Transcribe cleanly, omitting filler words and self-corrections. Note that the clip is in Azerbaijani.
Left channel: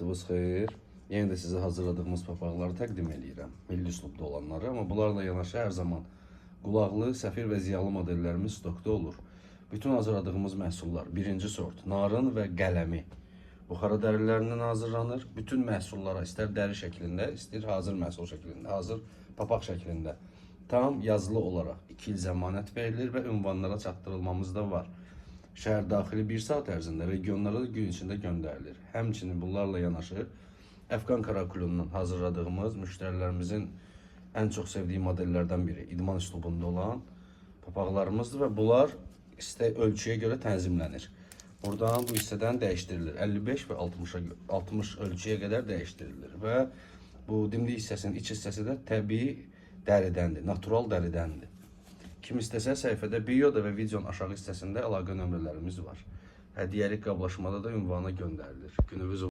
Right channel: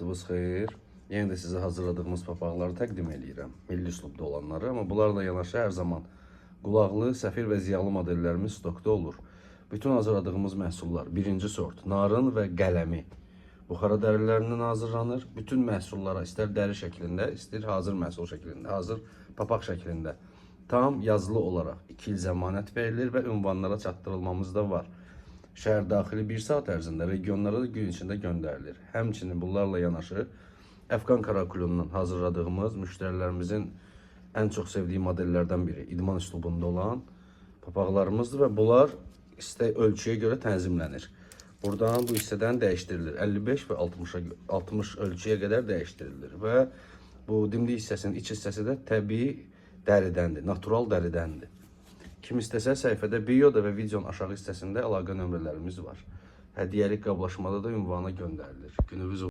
Vaxtınız xeyir. Yenə də sizə hazırladığımız papaqları təqdim edirəm. Milli üslubda olanları, amma bunlarla yanaşı hər zaman qulaqlı, səfir və ziyalı modellərimiz stokda olur. Bütün hazırladığımız məhsullar birinci sort narın və qələmi buxara dərilərindən hazırlanır. Bütün məhsullara istər dəri şəklində, istər hazır məhsul şəklində, hazır papaq şəklində tam yazılı olaraq 2 il zəmanət verilir və ünvanlara çatdırılmamız da var. Şəhər daxili 1 saat ərzində regionlara da gün içində göndərilir. Həmçinin bunlarla yanaşı Əfqan karakulundan hazırladığımız müştərilərimizin ən çox sevdiyi modellərdən biri idman üslubunda olan papaqlarımızdır və bunlar ölçüyə görə tənzimlənir. Buradan bu hissədən dəyişdirilir. 55 və 60 ölçüyə qədər dəyişdirilir və bu dimdik hissəsinin iç hissəsi də təbii dəridəndir, natural dəridəndir. Kim istəsə səhifədə bioda və videonun aşağı hissəsində əlaqə nömrələrimiz var. Hədiyyəlik qablaşmada da ünvana göndərilir. Gününüz